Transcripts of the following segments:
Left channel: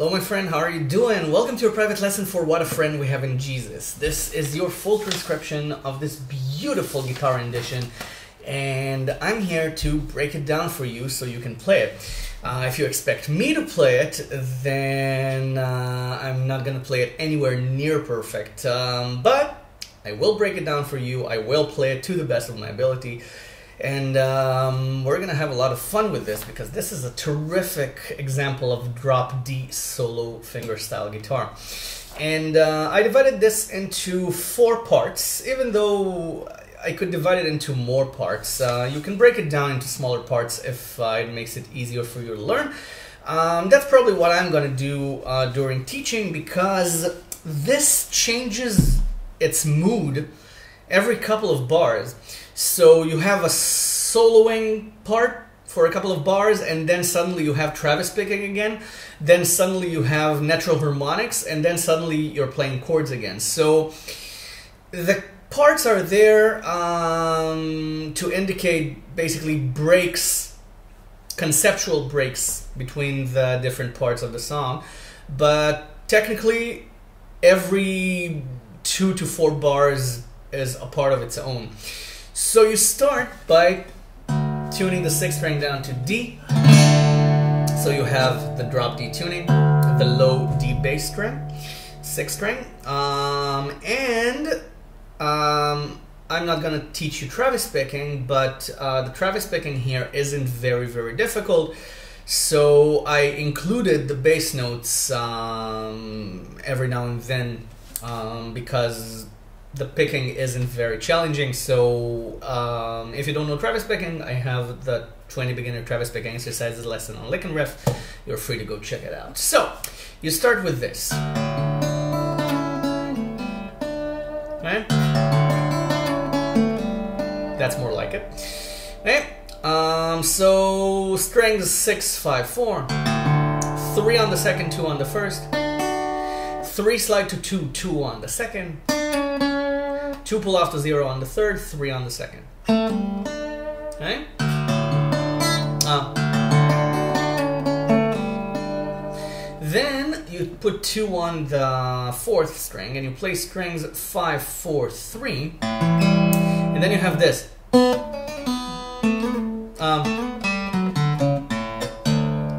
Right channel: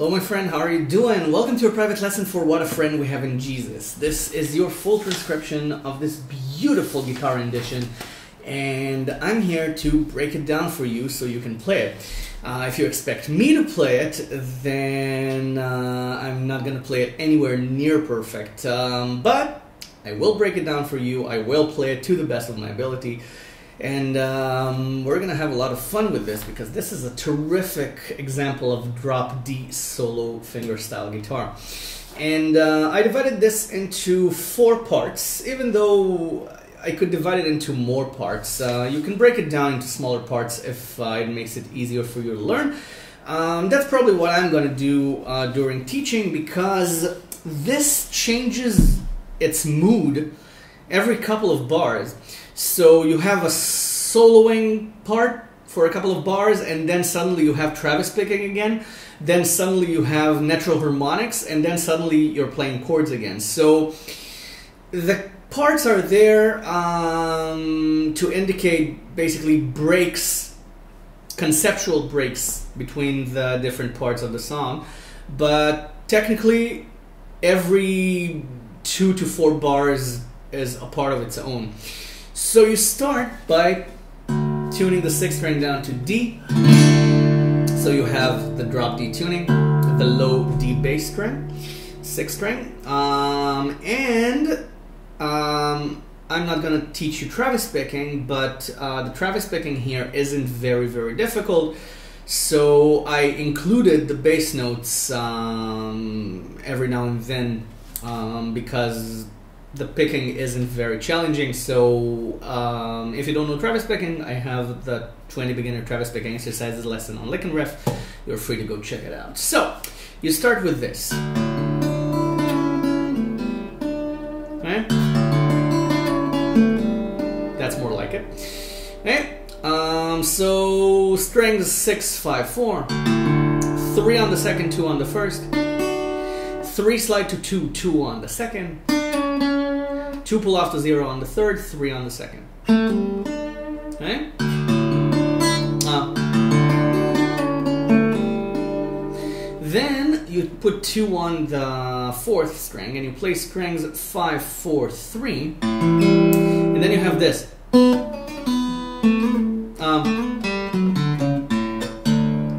Hello my friend, how are you doing? Welcome to a private lesson for What a Friend We Have in Jesus. This is your full transcription of this beautiful guitar rendition, and I'm here to break it down for you so you can play it. If you expect me to play it, then I'm not going to play it anywhere near perfect, but I will break it down for you. I will play it to the best of my ability. And we're going to have a lot of fun with this because this is a terrific example of drop D solo fingerstyle guitar. And I divided this into 4 parts, even though I could divide it into more parts. You can break it down into smaller parts if it makes it easier for you to learn. That's probably what I'm going to do during teaching, because this changes its mood every couple of bars. So you have a soloing part for a couple of bars, and then suddenly you have Travis picking again, then suddenly you have natural harmonics, and then suddenly you're playing chords again. So the parts are there to indicate basically breaks, conceptual breaks between the different parts of the song, but technically every 2 to 4 bars is a part of its own. So you start by tuning the 6th string down to D. So you have the drop D tuning, the low D bass string, 6th string, I'm not going to teach you Travis picking, but the Travis picking here isn't very difficult. So I included the bass notes every now and then because the picking isn't very challenging. So if you don't know Travis picking, I have the 20 beginner Travis picking exercises lesson on Lick and Riff. You're free to go check it out. So you start with this. Okay? That's more like it. Okay? So strings 6, 5, 4, 3 on the second, 2 on the first, 3 slide to 2, 2 on the second, 2 pull off to 0 on the third, 3 on the second. Okay? Then you put 2 on the 4th string and you play strings 5, 4, 3, and then you have this.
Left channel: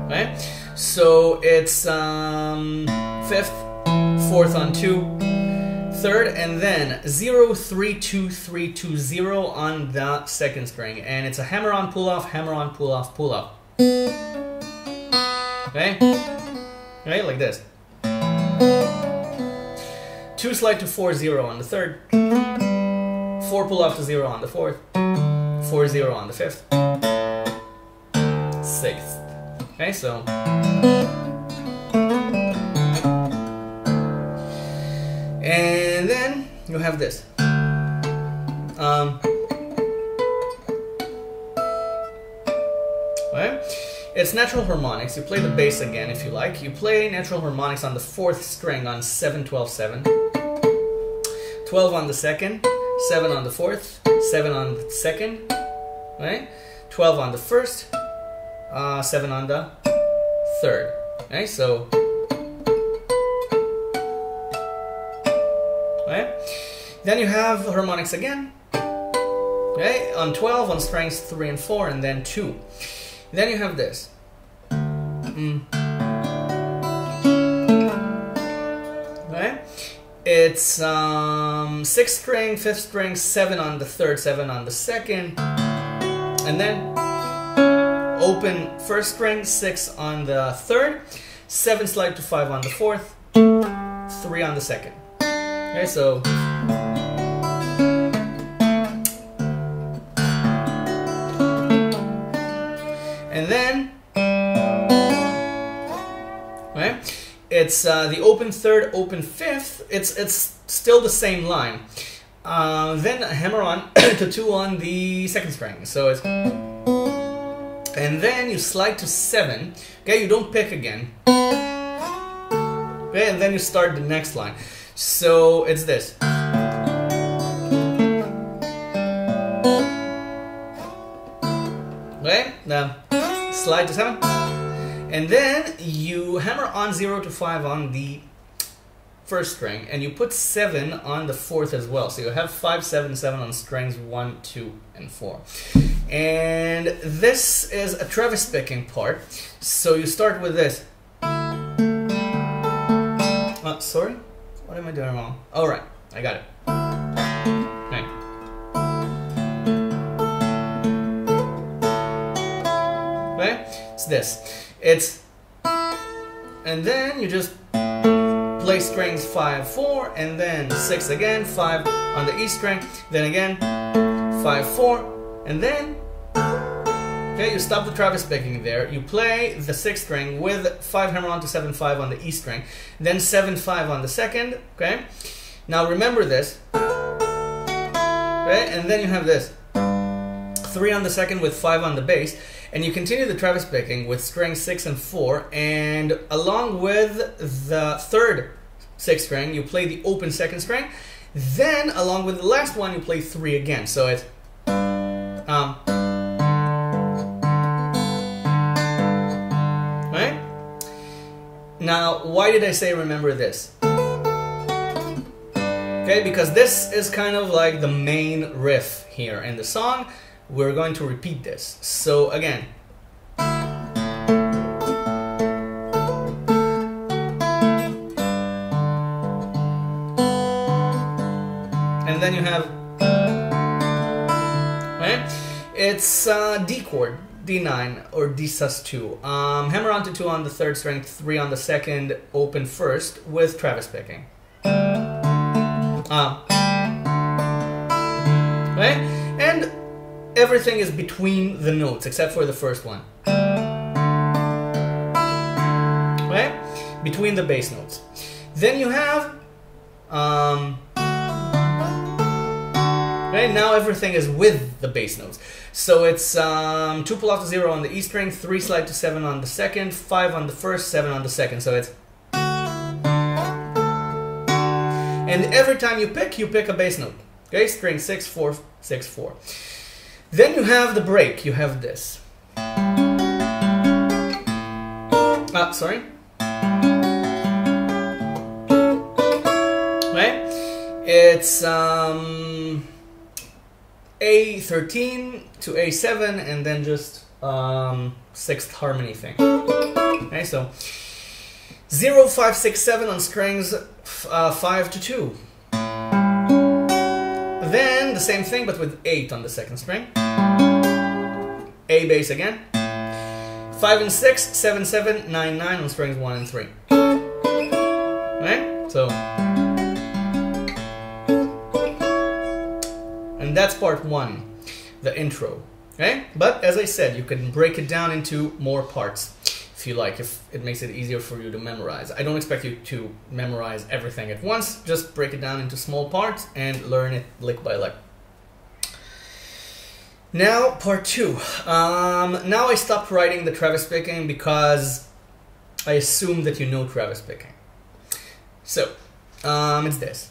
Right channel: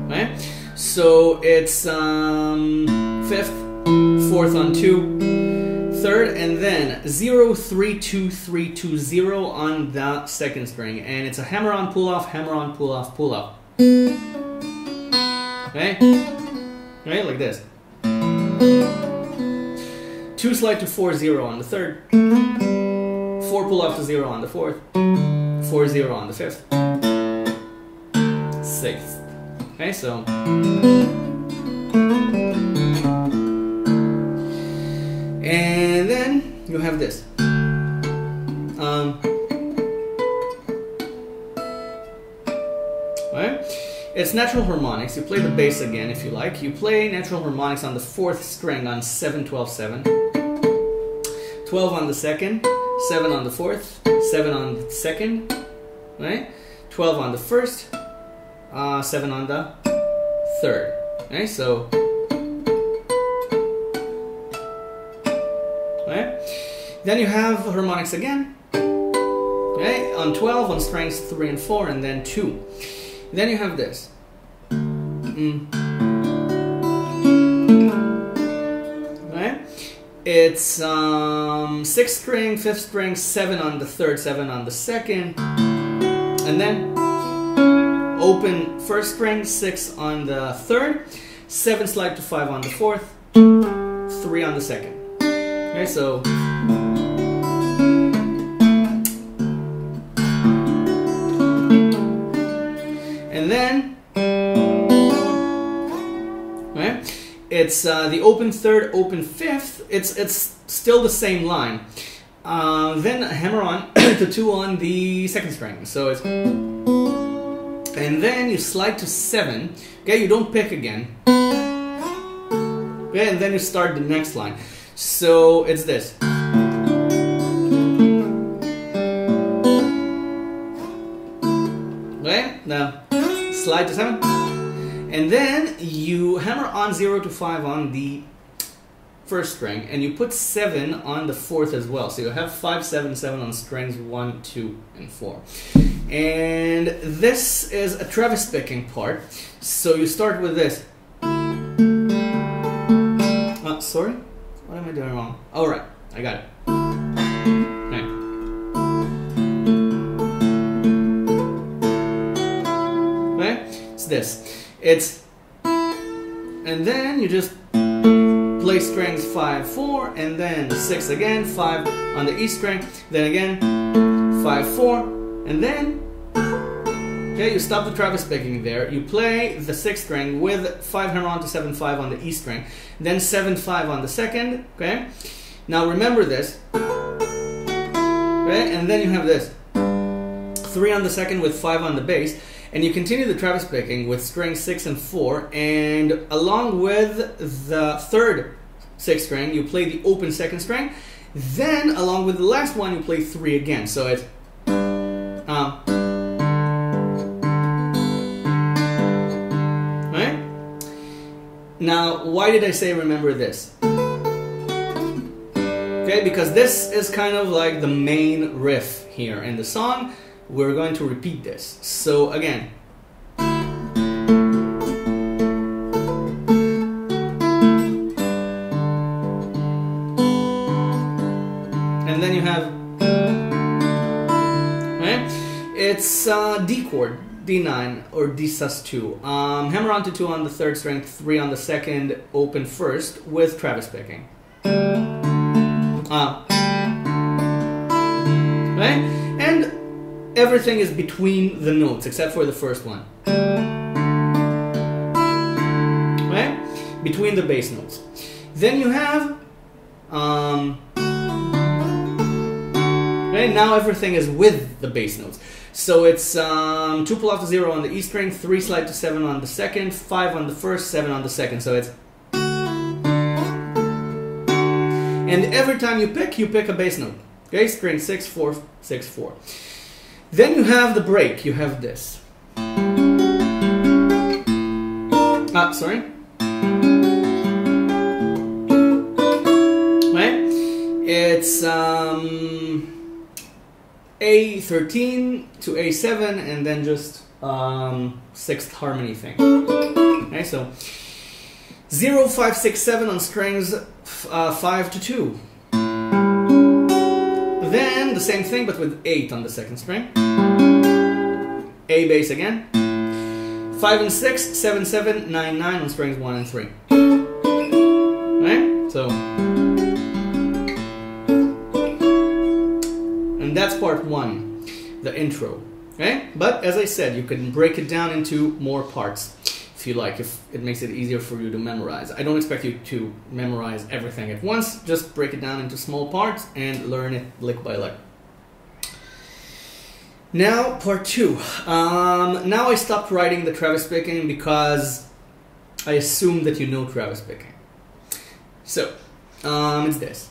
Okay? So it's 5th, 4th on 2, 3rd, and then 0, 3, 2, 3, 2, 0 on the 2nd string, and it's a hammer on, pull off, hammer on, pull off, pull off. Okay? Okay, like this. 2 slide to 4, 0 on the 3rd, 4 pull off to 0 on the 4th, 4, 0 on the 5th, 6th. Okay, so and then you have this. Right? It's natural harmonics. You play the bass again if you like. You play natural harmonics on the 4th string on 7, 12, 7, 12 on the 2nd, 7 on the 4th, 7 on the 2nd, right? 12 on the 1st, 7 on the 3rd. Okay, so right? Then you have harmonics again, okay, on 12 on strings 3 and 4, and then 2. Then you have this. Right? It's 6th string, 5th string, 7 on the 3rd, 7 on the 2nd, and then open 1st string, 6 on the 3rd, 7 slide to 5 on the 4th, 3 on the 2nd. Okay, so and then right, it's the open 3rd, open 5th. It's still the same line. Then hammer on to 2 on the 2nd string. So it's, and then you slide to 7. Okay, you don't pick again. Okay, and then you start the next line. So it's this. Okay, now slide to 7, And then you hammer on 0 to 5 on the first string, and you put 7 on the fourth as well. So you have 5, 7, 7 on strings 1, 2, and 4. And this is a Travis picking part. So you start with this. Sorry? What am I doing wrong? All right, I got it. Okay. Okay? It's this. It's, and then you just play strings 5, 4, and then 6 again, 5 on the E string, then again 5, 4, and then okay, you stop the Travis picking there. You play the 6th string with 5 hammer on to 7, 5 on the E string, then 7, 5 on the second. Okay, now remember this. Okay, and then you have this 3 on the second with 5 on the bass. And you continue the Travis picking with strings 6 and 4, and along with the third 6th string, you play the open 2nd string. Then, along with the last one, you play 3 again. So it's right? Now, why did I say remember this? Okay, because this is kind of like the main riff here in the song. We're going to repeat this. So again. And then you have, right? It's D chord, D9 or D sus2. Hammer on to 2 on the 3rd string, 3 on the 2nd, open 1st with Travis picking. Right? And everything is between the notes except for the first one. Right? Between the bass notes. Then you have right, now everything is with the bass notes. So it's 2 pull off to 0 on the E string, 3 slide to 7 on the 2nd, 5 on the 1st, 7 on the 2nd. So it's, and every time you pick a bass note. Okay, string 6, 4, 6, 4. Then you have the break. You have this. Sorry. Right? It's A13 to A7, and then just 6th harmony thing. Okay, so 0, 5, 6, 7 on strings 5 to 2. Then the same thing, but with 8 on the 2nd string. A bass again. 5 and 6, 7, 7, 9, 9 on strings 1 and 3. Right? So, and that's part 1, the intro. Okay? But as I said, you can break it down into more parts if you like, if it makes it easier for you to memorize. I don't expect you to memorize everything at once, just break it down into small parts and learn it lick by lick. Now, part 2. Now I stopped writing the Travis picking because I assume that you know Travis picking. So, it's this.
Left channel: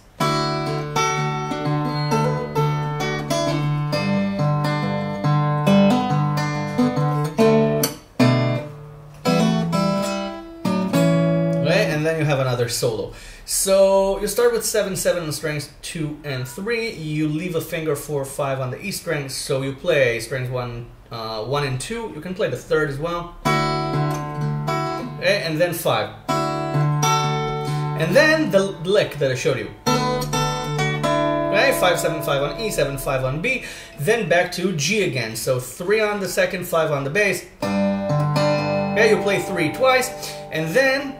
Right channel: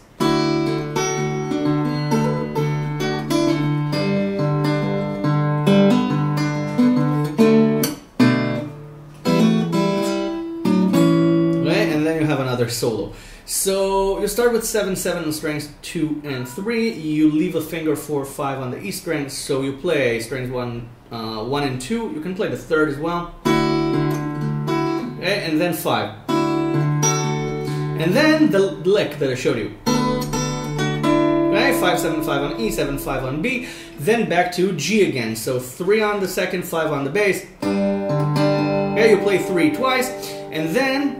And then you have another solo. So you start with 7, 7 on strings 2 and 3. You leave a finger for 5 on the E string, so you play strings 1 and 2. You can play the 3rd as well. Okay, and then 5. And then the lick that I showed you. Okay, 5, 7, 5 on E, 7, 5 on B. Then back to G again. So 3 on the 2nd, 5 on the bass. Okay, you play 3 twice, and then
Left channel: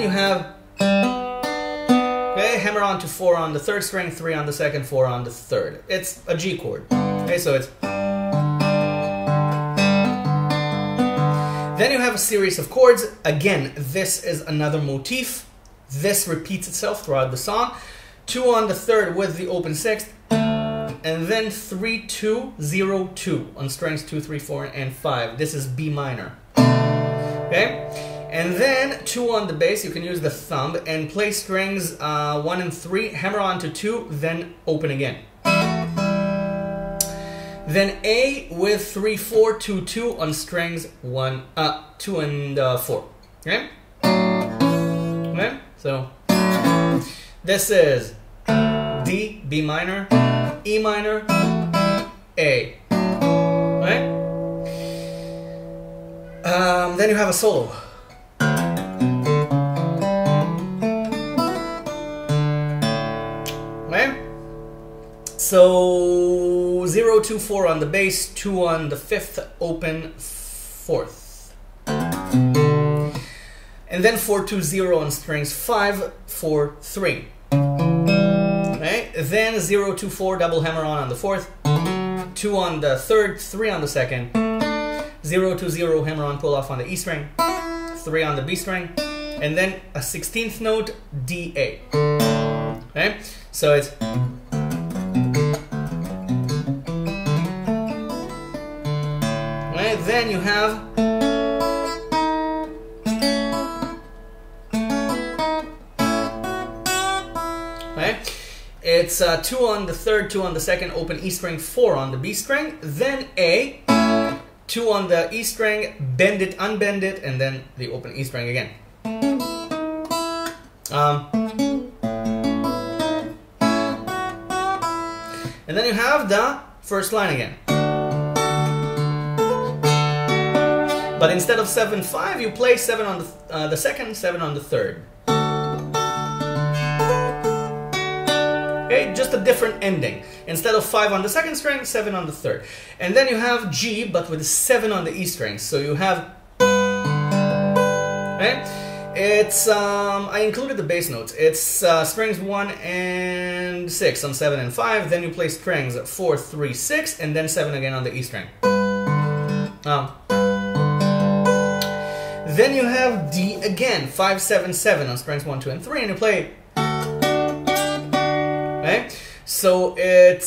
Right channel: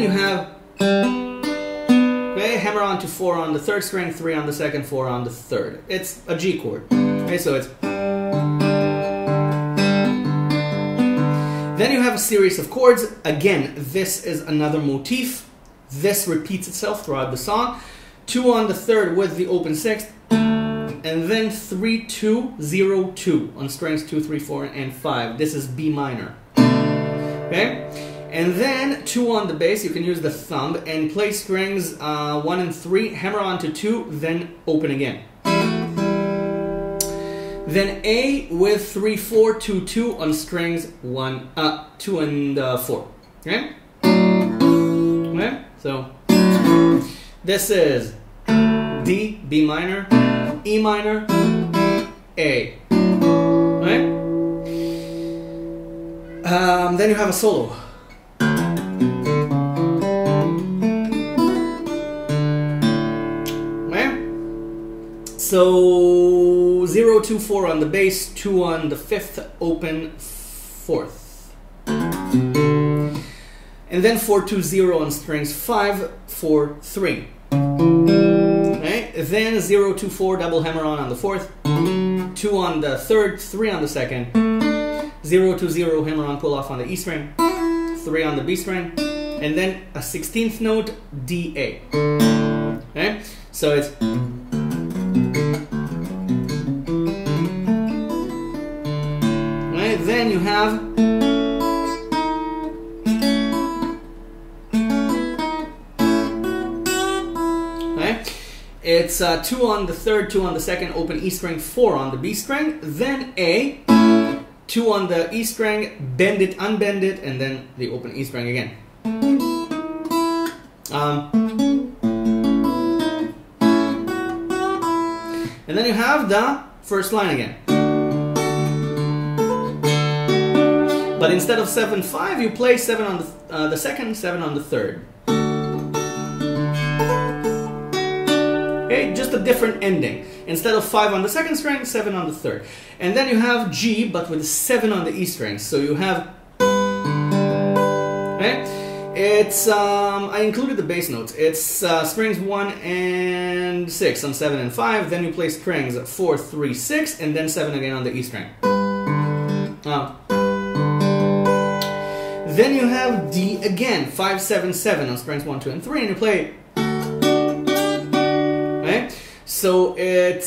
you have, okay, hammer on to 4 on the 3rd string, 3 on the 2nd, 4 on the 3rd. It's a G chord. Okay, so it's. Then you have a series of chords. Again, this is another motif. This repeats itself throughout the song. 2 on the 3rd with the open 6th. And then 3, 2, 0, 2 on strings 2, 3, 4, and 5. This is B minor. Okay? And then 2 on the bass, you can use the thumb and play strings 1 and 3, hammer on to 2, then open again. Then A with 3, 4, 2, 2 on strings 1, 2 and 4. Okay? Okay? So this is D, B minor, E minor, A. Right? Then you have a solo. Right? So 0, 2, 4 on the bass, 2 on the 5th, open 4th. And then 4, 2, 0 on strings 5, 4, 3. Right? Then 0, 2, 4 double hammer on the 4th, 2 on the 3rd, 3 on the 2nd, 0, 2, 0 hammer on pull off on the E string, 3 on the B string, and then a 16th note D A. Okay? So it's right, then you have it's 2 on the 3rd, 2 on the 2nd, open E string, 4 on the B string, then A, 2 on the E string, bend it, unbend it, and then the open E string again. And then you have the first line again. But instead of 7, 5, you play 7 on the 2nd, 7 on the 3rd. Okay, just a different ending. Instead of 5 on the 2nd string, 7 on the 3rd. And then you have G, but with 7 on the E string. So you have, okay, it's, I included the bass notes. It's strings 1 and 6 on 7 and 5. Then you play strings 4, 3, 6, and then 7 again on the E string. Then you have D again, 5, 7, 7 on strings 1, 2, and 3, and you play. Okay, so it's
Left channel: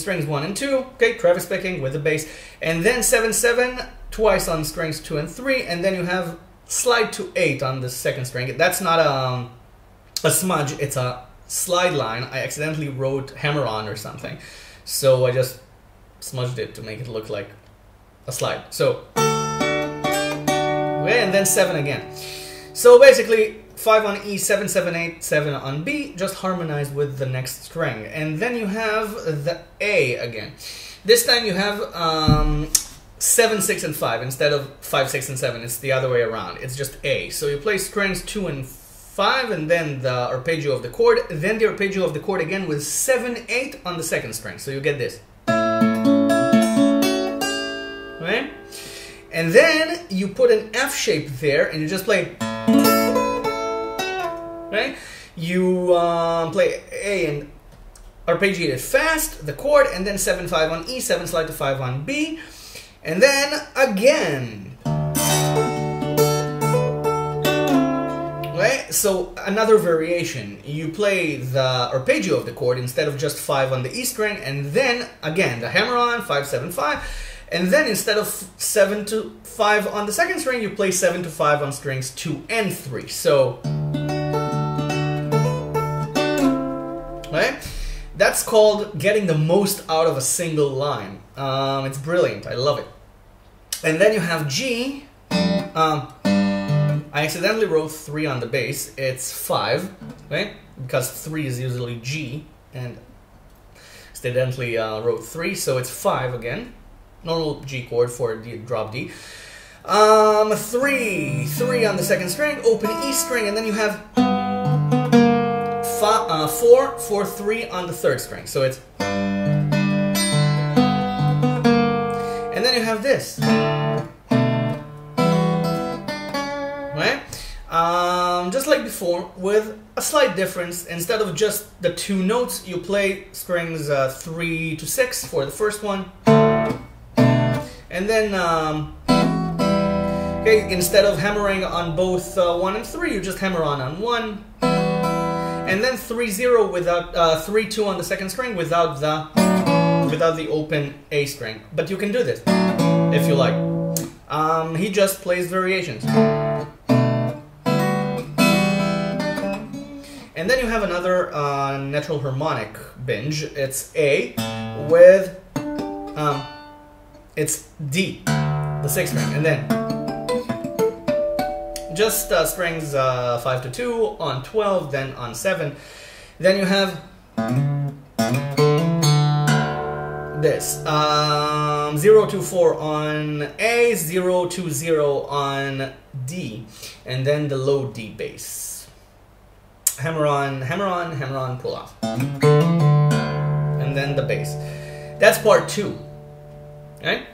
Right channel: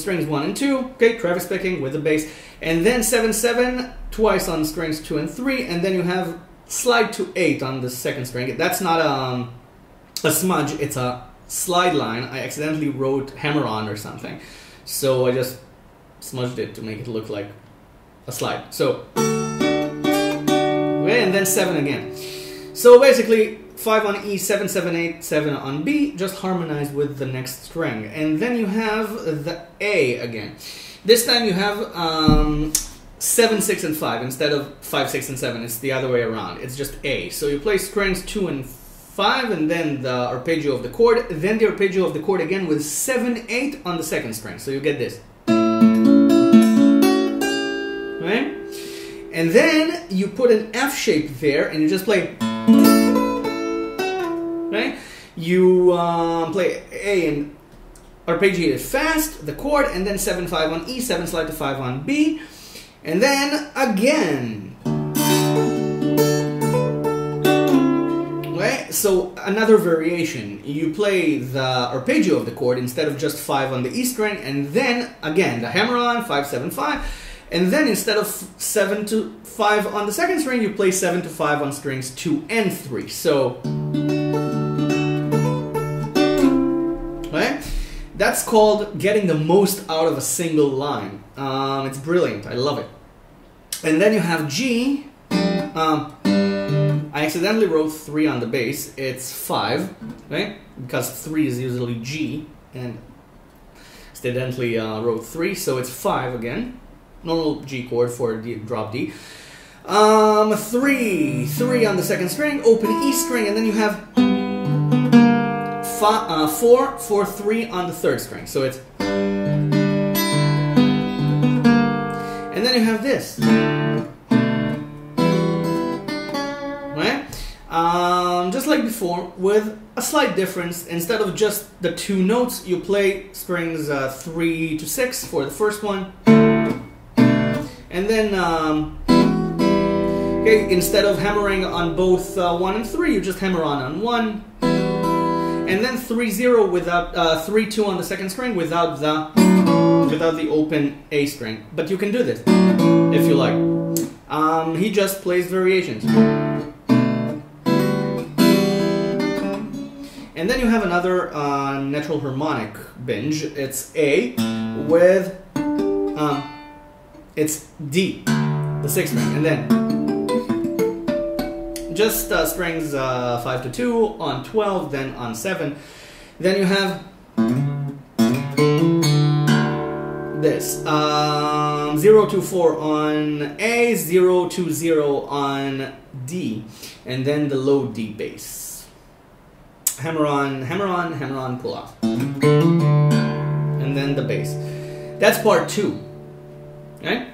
strings 1 and 2. Okay, Travis picking with the bass, and then 7, 7 twice on strings 2 and 3, and then you have slide to 8 on the 2nd string. That's not a smudge; it's a slide line. I accidentally wrote hammer on or something, so I just smudged it to make it look like a slide. So. Okay, and then 7 again. So basically 5 on E, 7, 7, 8, 7 on B, just harmonize with the next string. And then you have the A again. This time you have 7, 6, and 5 instead of 5, 6, and 7. It's the other way around. It's just A. So you play strings 2 and 5 and then the arpeggio of the chord, then the arpeggio of the chord again with 7, 8 on the 2nd string. So you get this. Right? And then you put an F shape there and you just play. Right? You play A and arpeggiate it fast, the chord, and then 7, 5 on E, 7 slide to 5 on B, and then again. Right? So another variation. You play the arpeggio of the chord instead of just 5 on the E string, and then again the hammer on 5, 7, 5. And then instead of 7 to 5 on the 2nd string, you play 7 to 5 on strings 2 and 3. So, right? That's called getting the most out of a single line. It's brilliant. I love it. And then you have G. I accidentally wrote 3 on the bass. It's 5, right? Because 3 is usually G, and accidentally wrote 3, so it's 5 again. Normal G chord for the drop D. 3 on the 2nd string, open E string, and then you have 4, 4, 3 on the 3rd string. So it's, and then you have this, right? Just like before, with a slight difference. Instead of just the 2 notes, you play strings 3 to 6 for the first one. And then, okay, instead of hammering on both 1 and 3, you just hammer on 1. And then 3, 0 without 3, 2 on the 2nd string without the open A string. But you can do this if you like. He just plays variations. And then you have another natural harmonic binge. It's A with it's D, the 6th string, and then just strings 5 to 2 on 12, then on 7. Then you have this 0 to 4 on A, 0 to 0 on D, and then the low D bass. Hammer on, hammer on, hammer on, pull off, and then the bass. That's part 2. Right?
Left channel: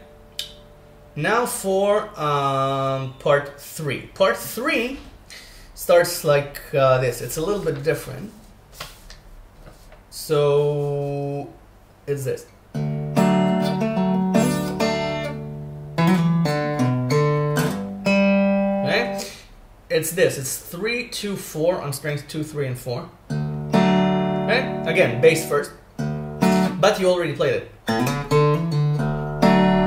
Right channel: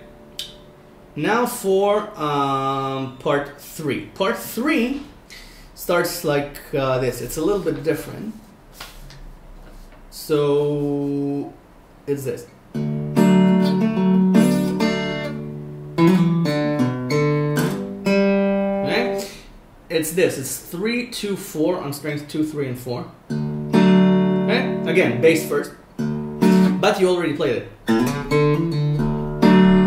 Now for part 3. Part 3 starts like this. It's a little bit different. So it's this. Right? It's this. It's 3, 2, 4 on strings 2, 3, and 4. Right? Again, bass first. But you already played it.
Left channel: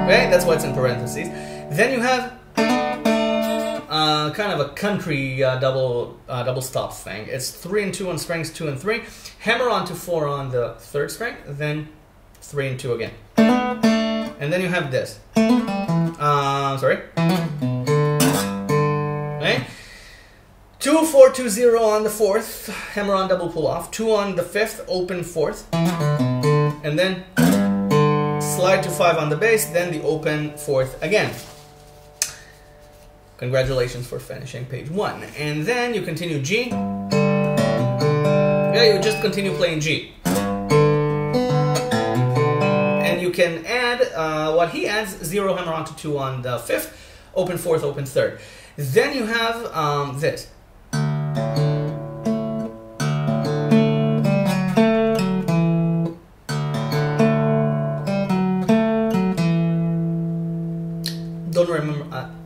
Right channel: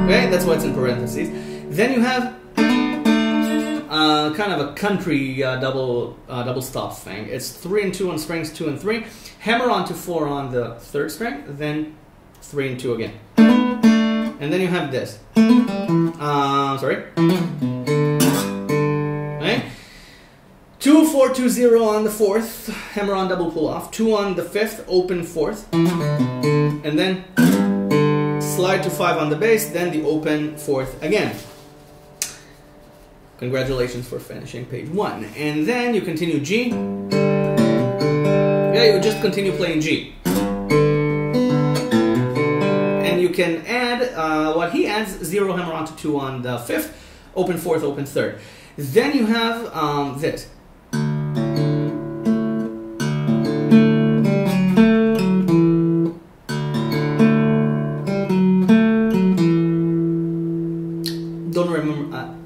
Okay, that's why it's in parentheses. Then you have kind of a country double stop thing. It's 3 and 2 on strings 2 and 3. Hammer on to 4 on the 3rd string, then 3 and 2 again. And then you have this. Sorry. Okay. 2, 4, 2, 0 on the 4th. Hammer on double pull off. 2 on the 5th, open 4th. And then slide to 5 on the bass, then the open 4th again. Congratulations for finishing page 1. And then you continue G. Yeah, you just continue playing G. And you can add what he adds, 0 hammer on to 2 on the 5th, open 4th, open 3rd. Then you have this.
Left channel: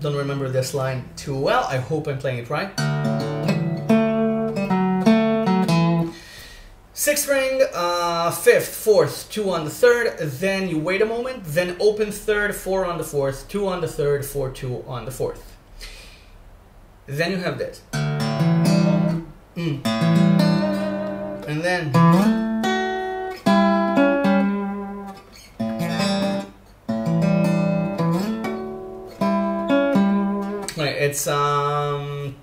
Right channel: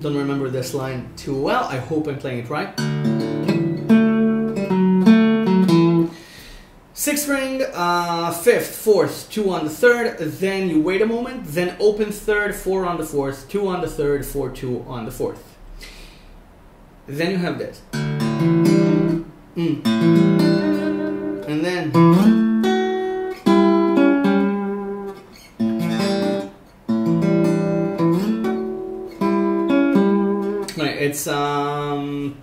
Don't remember this line too well. I hope I'm playing it right. 6th string, 5th, 4th, 2 on the 3rd. Then you wait a moment. Then open 3rd, 4 on the 4th, 2 on the 3rd, 4, 2 on the 4th. Then you have this. And then it's 5th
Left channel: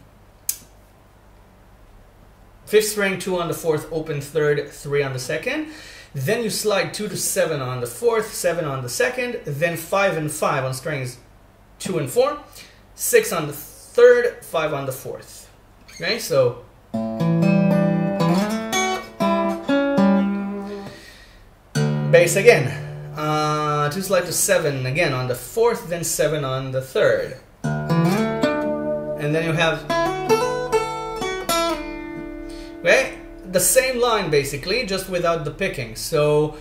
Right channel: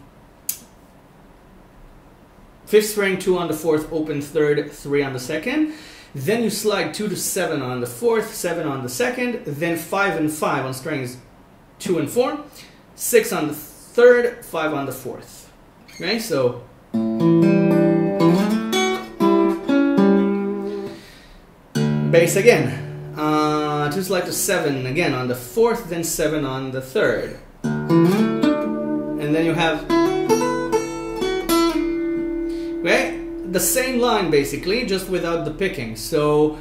string, 2 on the 4th, open 3rd, 3 on the 2nd. Then you slide 2 to 7 on the 4th, 7 on the 2nd. Then 5 and 5 on strings 2 and 4. 6 on the 3rd, 5 on the 4th. Okay, so bass again. 2 slide to 7 again on the 4th, then 7 on the 3rd. And then you have, okay, the same line basically, just without the picking. So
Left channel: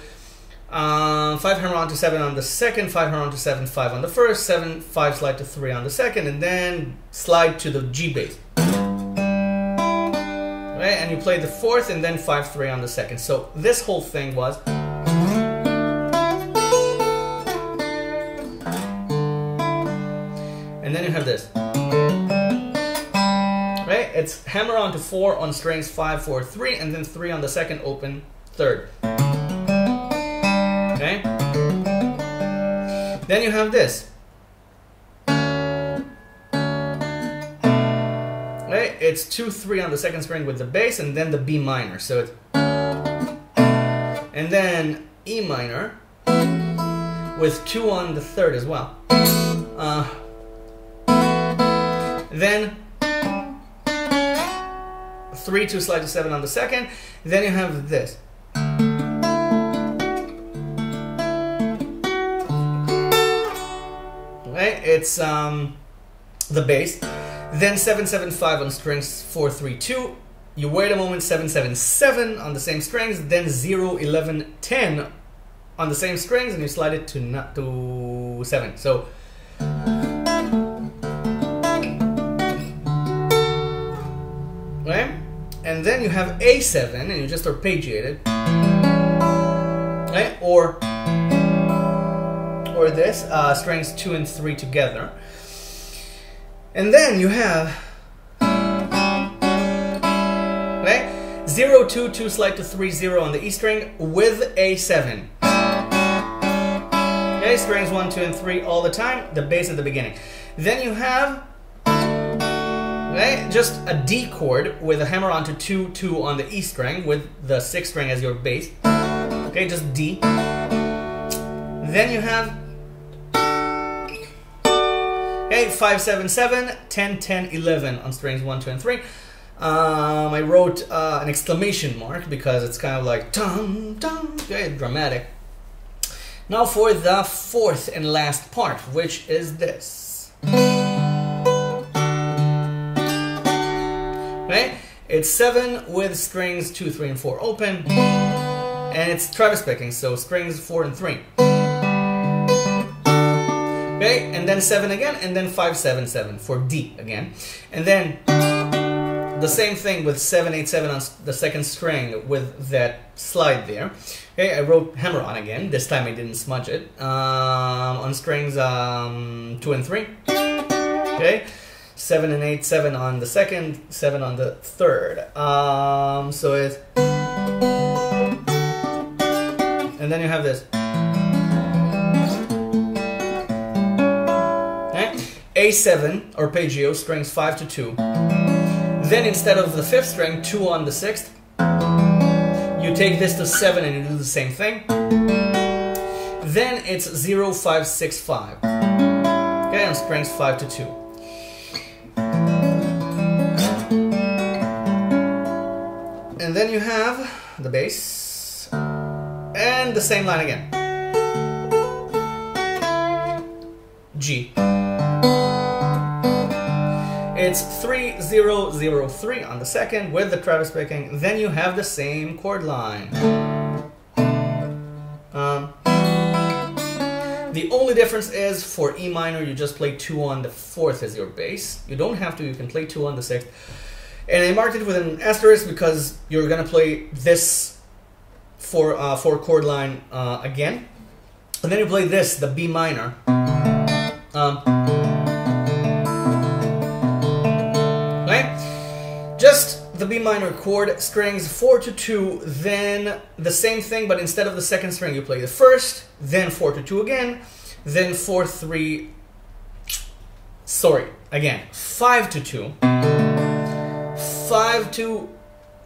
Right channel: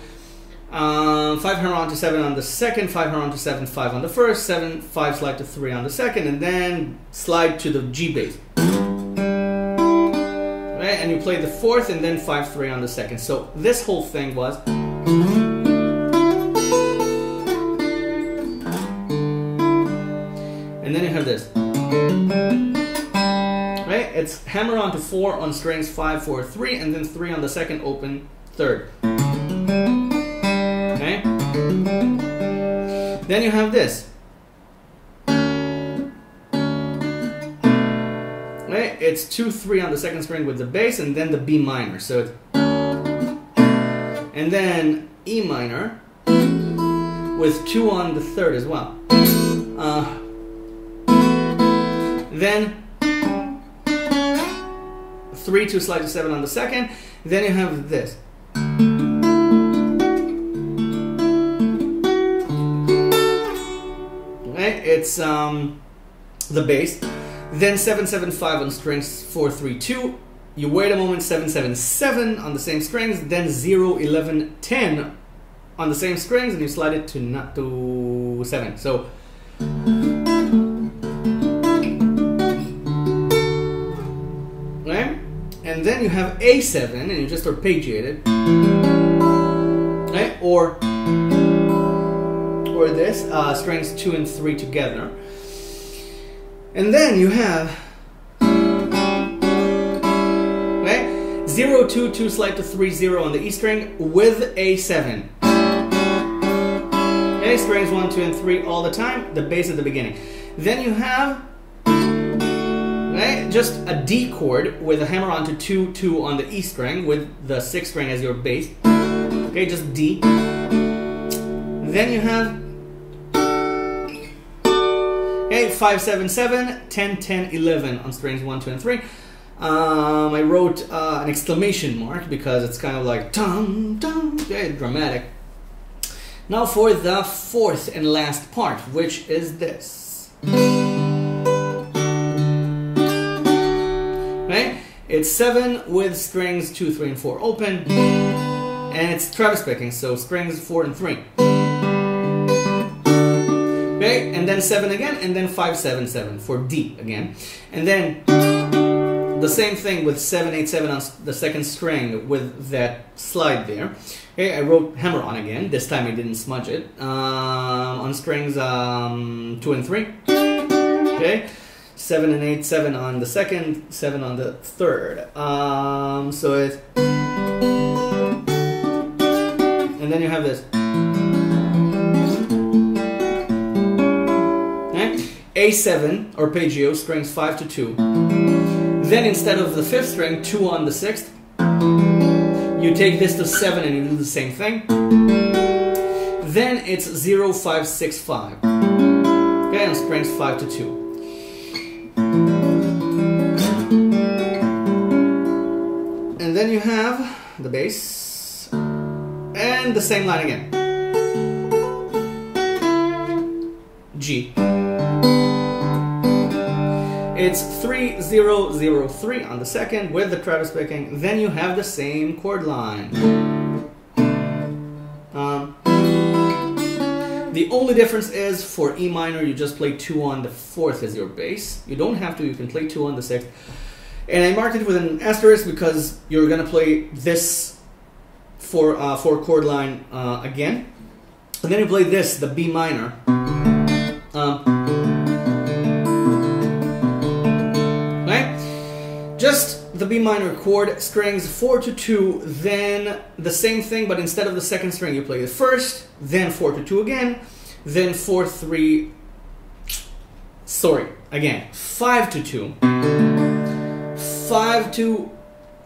5 hammer on to 7 on the 2nd, 5 hammer on to 7, 5 on the 1st, 7, 5 slide to 3 on the 2nd, and then slide to the G bass. Okay, and you play the 4th, and then 5, 3 on the 2nd. So this whole thing was. And then you have this. Right? It's hammer on to 4 on strings 5, 4, 3, and then 3 on the 2nd, open 3rd. Okay? Then you have this. Right? It's 2, 3 on the 2nd string with the bass, and then the B minor. So it's. And then E minor with 2 on the 3rd as well. Then 3, 2 slide to 7 on the 2nd. Then you have this. Okay, it's the bass. Then 7, 7, 5 on strings 4, 3, 2. You wait a moment, 7, 7, 7 on the same strings. Then 0, 11, 10 on the same strings, and you slide it to 7. So. Okay? And then you have A7, and you just arpeggiate it. Okay? Or this, strings 2 and 3 together. And then you have, okay, 0, 2, 2 slide to 3, 0 on the E string with A7. Okay, strings 1, 2, and 3 all the time, the bass at the beginning. Then you have, okay, just a D chord with a hammer onto 2, 2 on the E string with the 6th string as your bass. Okay, just D. Then you have, okay, 5, 7, 7, 10, 10, 11 on strings 1, 2, and 3. I wrote an exclamation mark because it's kind of like dum dum, okay, dramatic. Now for the 4th and last part, which is this. Okay, it's 7 with strings 2, 3, and 4 open, and it's Travis picking, so strings 4 and 3. Okay, and then 7 again, and then 5, 7, 7 for D again, and then the same thing with 7, 8, 7 on the 2nd string with that slide there. Okay, I wrote hammer on again. This time I didn't smudge it. On strings 2 and 3. Okay, 7 and 8, 7 on the 2nd, 7 on the 3rd. So it's, and then you have this. Okay, A7 arpeggio, strings 5 to 2. Then instead of the 5th string, 2 on the 6th, you take this to 7 and you do the same thing. Then it's 0, 5, 6, 5. Okay, on strings 5 to 2. And then you have the bass and the same line again. G. It's 3, 0, 0, 3 on the 2nd with the Travis picking. Then you have the same chord line. The only difference is for E minor, you just play 2 on the 4th as your bass. You don't have to, you can play 2 on the 6th. And I marked it with an asterisk because you're going to play this for chord line again. And then you play this, the B minor. Just the B minor chord, strings 4 to 2, then the same thing, but instead of the 2nd string, you play the 1st, then 4 to 2 again, then 4, 3, sorry, again, 5 to 2, 5 to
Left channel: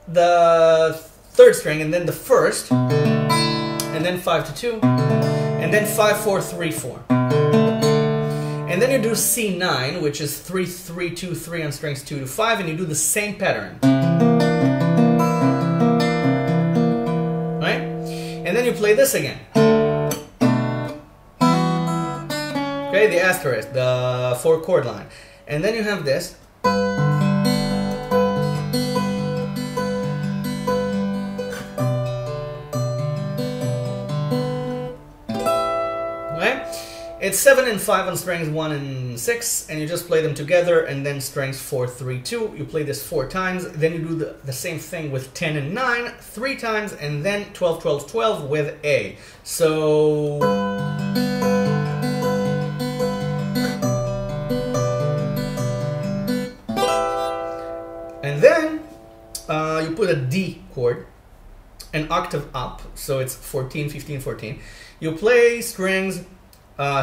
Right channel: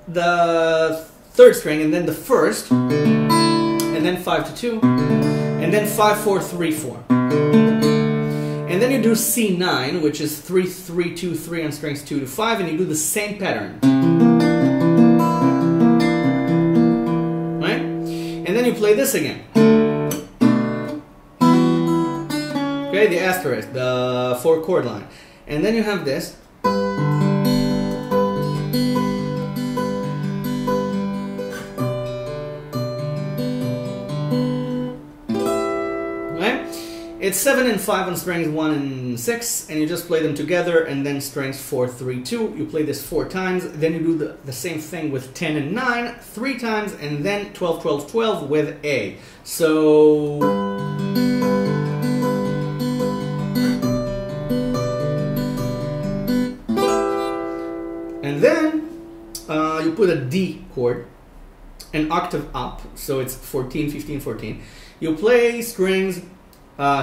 the 3rd string, and then the 1st, and then 5 to 2, and then 5, 4, 3, 4. And then you do C9, which is 3, 3, 2, 3 on strings 2 to 5, and you do the same pattern. Right? And then you play this again. Okay, the asterisk, the 4 chord line. And then you have this. It's 7 and 5 on strings 1 and 6, and you just play them together, and then strings 4, 3, 2. You play this 4 times, then you do the same thing with 10 and 9 3 times, and then 12, 12, 12 with A. So and then you put a D chord, an octave up, so it's 14, 15, 14. You play strings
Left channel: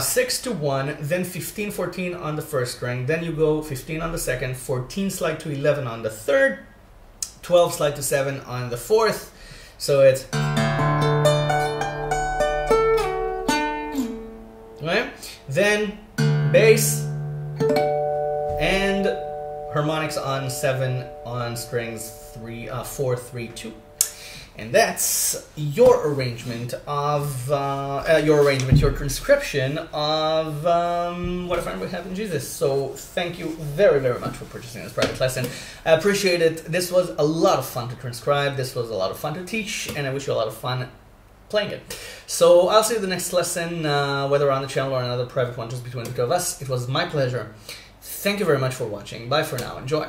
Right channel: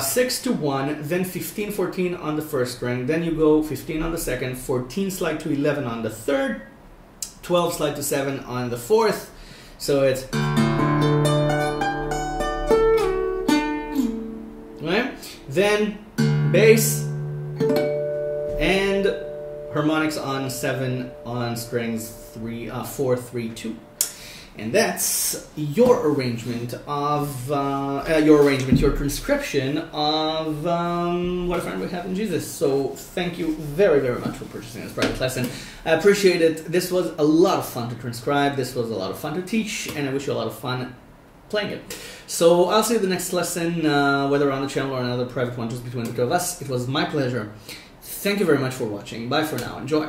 6 to 1, then 15, 14 on the 1st string, then you go 15 on the 2nd, 14 slide to 11 on the 3rd, 12 slide to 7 on the 4th, so it's, right? Then bass and harmonics on 7 on strings 4, 3, 2. And that's your arrangement of, your transcription of What a Friend We Have in Jesus. So thank you very, very much for purchasing this private lesson. I appreciate it. This was a lot of fun to transcribe. This was a lot of fun to teach. And I wish you a lot of fun playing it. So I'll see you the next lesson, whether on the channel or another private one just between the two of us. It was my pleasure. Thank you very much for watching. Bye for now. Enjoy.